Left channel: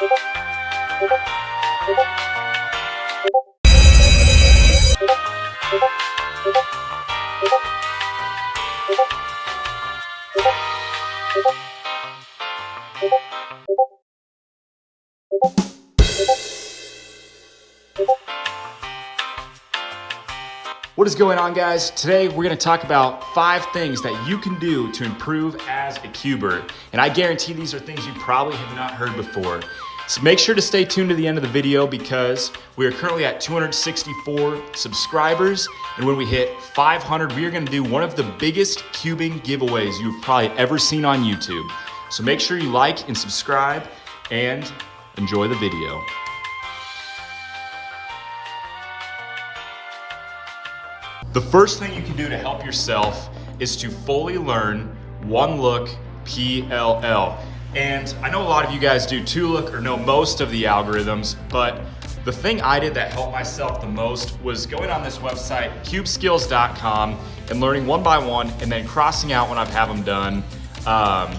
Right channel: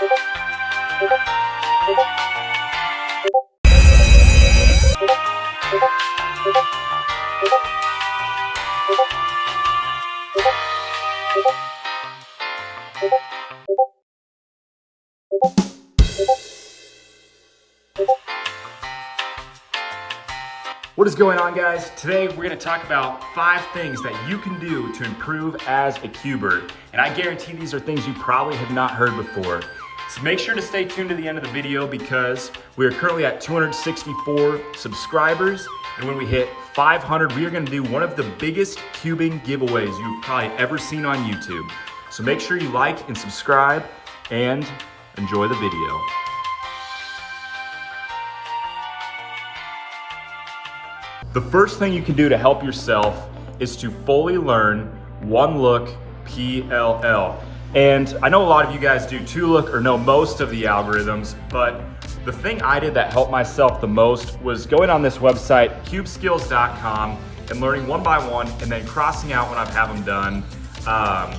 What is going on, guys? Today we're going to talk about 5 things that you can do to improve as a cuber. And I guarantee these are things you probably have not heard before. So make sure to stay tuned to the end of the video because we are currently at 264 subscribers. And when we hit 500, we are going to do one of the biggest cubing giveaways you've probably ever seen on YouTube. So make sure you like and subscribe and enjoy the video. The first thing you can do to help yourself is to fully learn Look PLL. And I know a lot of you guys do 2Look or know most of the algorithms, but the thing I did that helped myself the most was going on this website, cubeskills.com, and learning one by one and then crossing out when I have them done.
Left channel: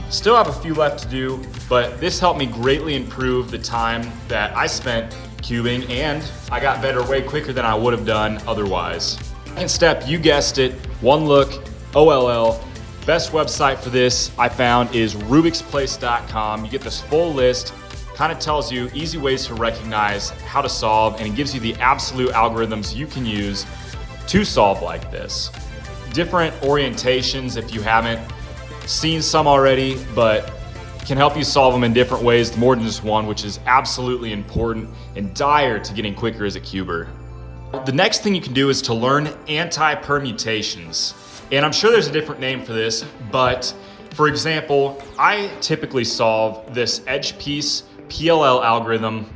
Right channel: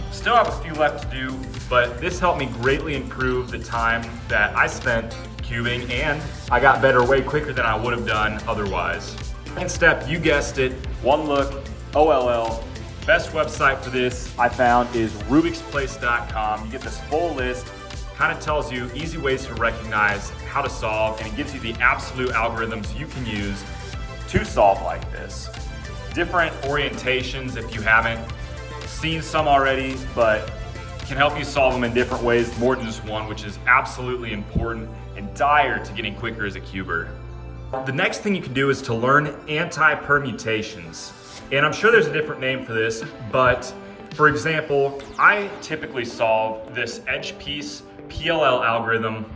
Still have a few left to do, but this helped me greatly improve the time that I spent cubing, and I got better way quicker than I would have done otherwise. Second step, you guessed it, Look PLL. Best website for this I found is rubiksplace.com. You get this full list, kind of tells you easy ways to recognize how to solve, and it gives you the absolute algorithms you can use to solve like this. Different orientations if you haven't seen some already, but can help you solve them in different ways, more than just one, which is absolutely important and dire to getting quicker as a cuber. The next thing you can do is to learn anti-permutations. And I'm sure there's a different name for this, but for example, I typically solve this edge piece PLL algorithm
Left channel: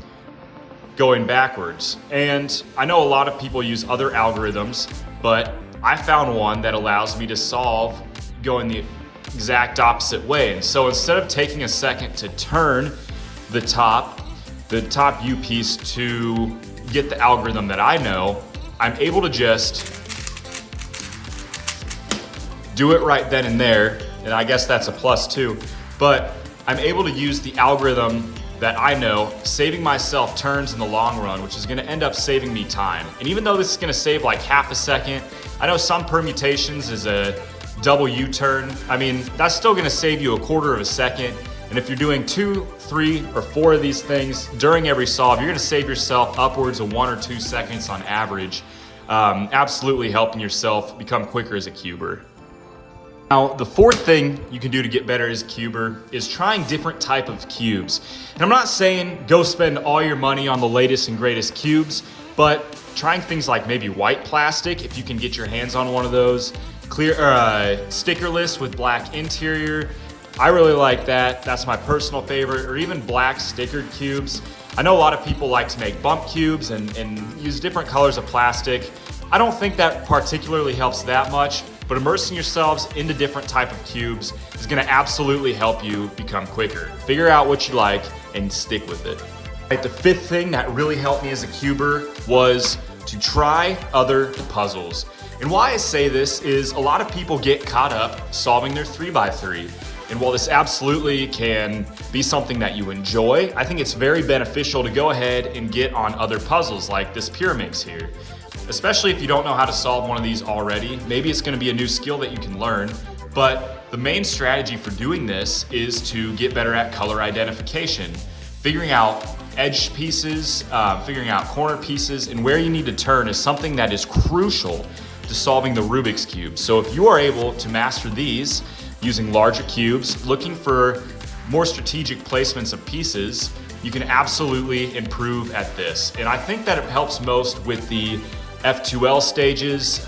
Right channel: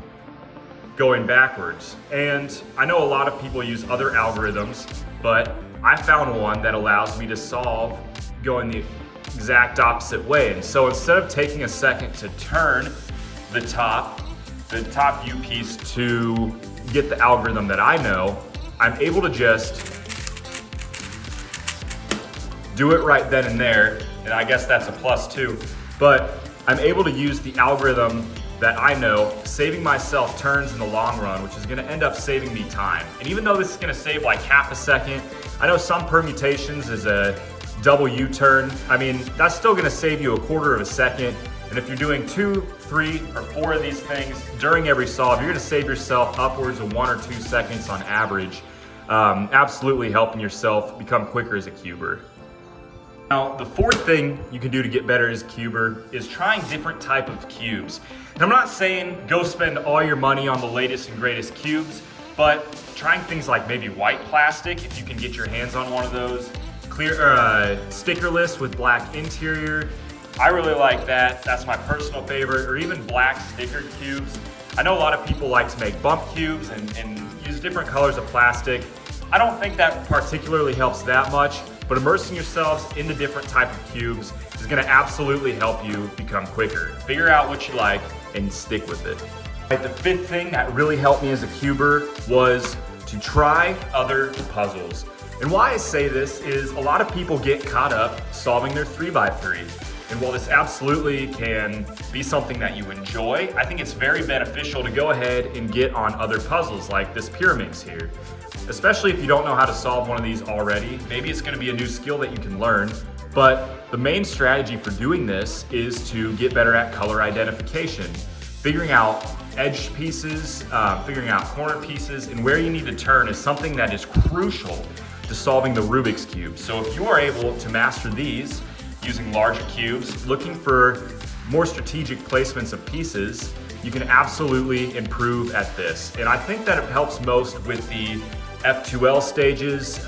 going backwards. And I know a lot of people use other algorithms, but I found one that allows me to solve going the exact opposite way. And so instead of taking a second to turn the top U piece to get the algorithm that I know, I'm able to just do it right then and there, and I guess that's a plus too, but I'm able to use the algorithm that I know, saving myself turns in the long run, which is gonna end up saving me time. And even though this is gonna save like half a second, I know some permutations is a double U-turn. I mean, that's still gonna save you a quarter of a second. And if you're doing 2, 3, or 4 of these things during every solve, you're gonna save yourself upwards of 1 or 2 seconds on average, absolutely helping yourself become quicker as a cuber. Now, the fourth thing you can do to get better as a cuber is trying different type of cubes. And I'm not saying go spend all your money on the latest and greatest cubes, but trying things like maybe white plastic, if you can get your hands on one of those, clear stickerless with black interior. I really like that. That's my personal favorite, or even black stickered cubes. I know a lot of people like to make bump cubes and use different colors of plastic. I don't think that particularly helps that much, but immersing yourselves into different type of cubes is gonna absolutely help you become quicker. Figure out what you like and stick with it. Right, the fifth thing that really helped me as a cuber was to try other puzzles. And why I say this is a lot of people get caught up solving their 3x3. And while this absolutely can be something that you enjoy, I think it's very beneficial to go ahead and get on other puzzles like this pyramids here. Especially if you don't know how to solve one of these already. Maybe it's gonna be a new skill that you can learn, but the main strategy for doing this is to get better at color identification. Figuring out edge pieces, figuring out corner pieces, and where you need to turn is something that is crucial to solving the Rubik's Cube. So if you are able to master these, using larger cubes, looking for more strategic placements of pieces, you can absolutely improve at this. And I think that it helps most with the F2L stages,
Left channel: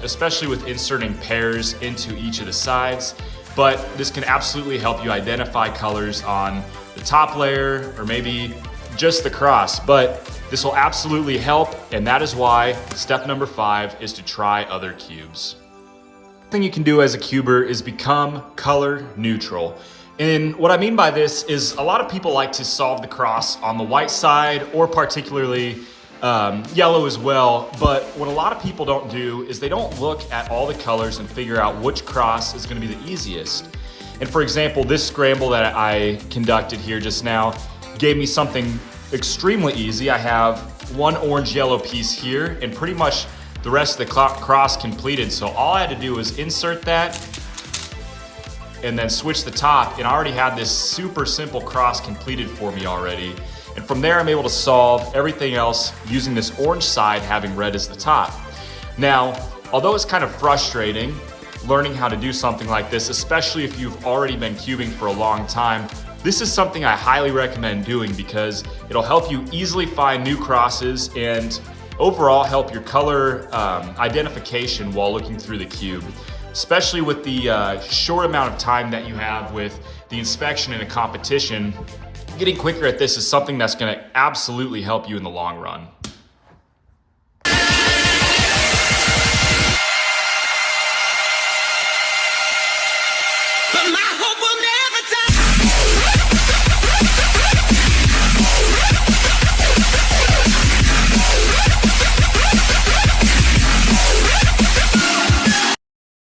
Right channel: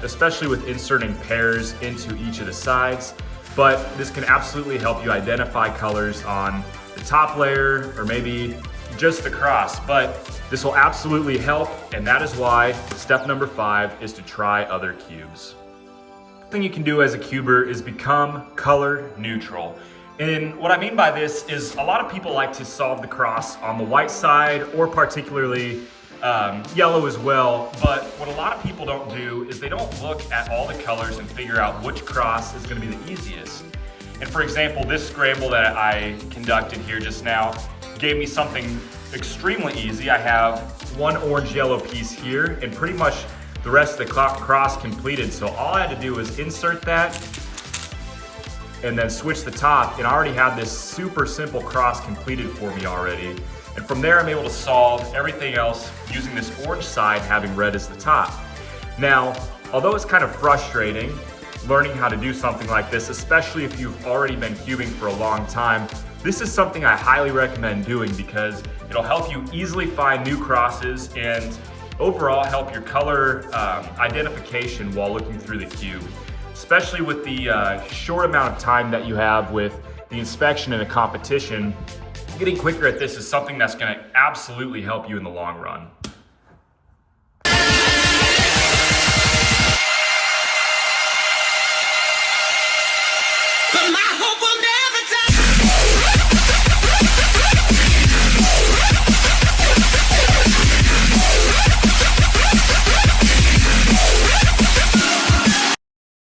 especially with inserting pairs into each of the sides. But this can absolutely help you identify colors on the top layer or maybe just the cross. But this will absolutely help, and that is why step number 5 is to try other cubes. Thing you can do as a cuber is become color neutral. And what I mean by this is a lot of people like to solve the cross on the white side or particularly yellow as well. But what a lot of people don't do is they don't look at all the colors and figure out which cross is going to be the easiest. And for example, this scramble that I conducted here just now, gave me something extremely easy. I have one orange-yellow piece here and pretty much the rest of the cross completed. So all I had to do was insert that and then switch the top, and I already had this super simple cross completed for me already. And from there, I'm able to solve everything else using this orange side having red as the top. Now, although it's kind of frustrating learning how to do something like this, especially if you've already been cubing for a long time, this is something I highly recommend doing because it'll help you easily find new crosses and overall help your color identification while looking through the cube. Especially with the short amount of time that you have with the inspection in a competition, getting quicker at this is something that's gonna absolutely help you in the long run.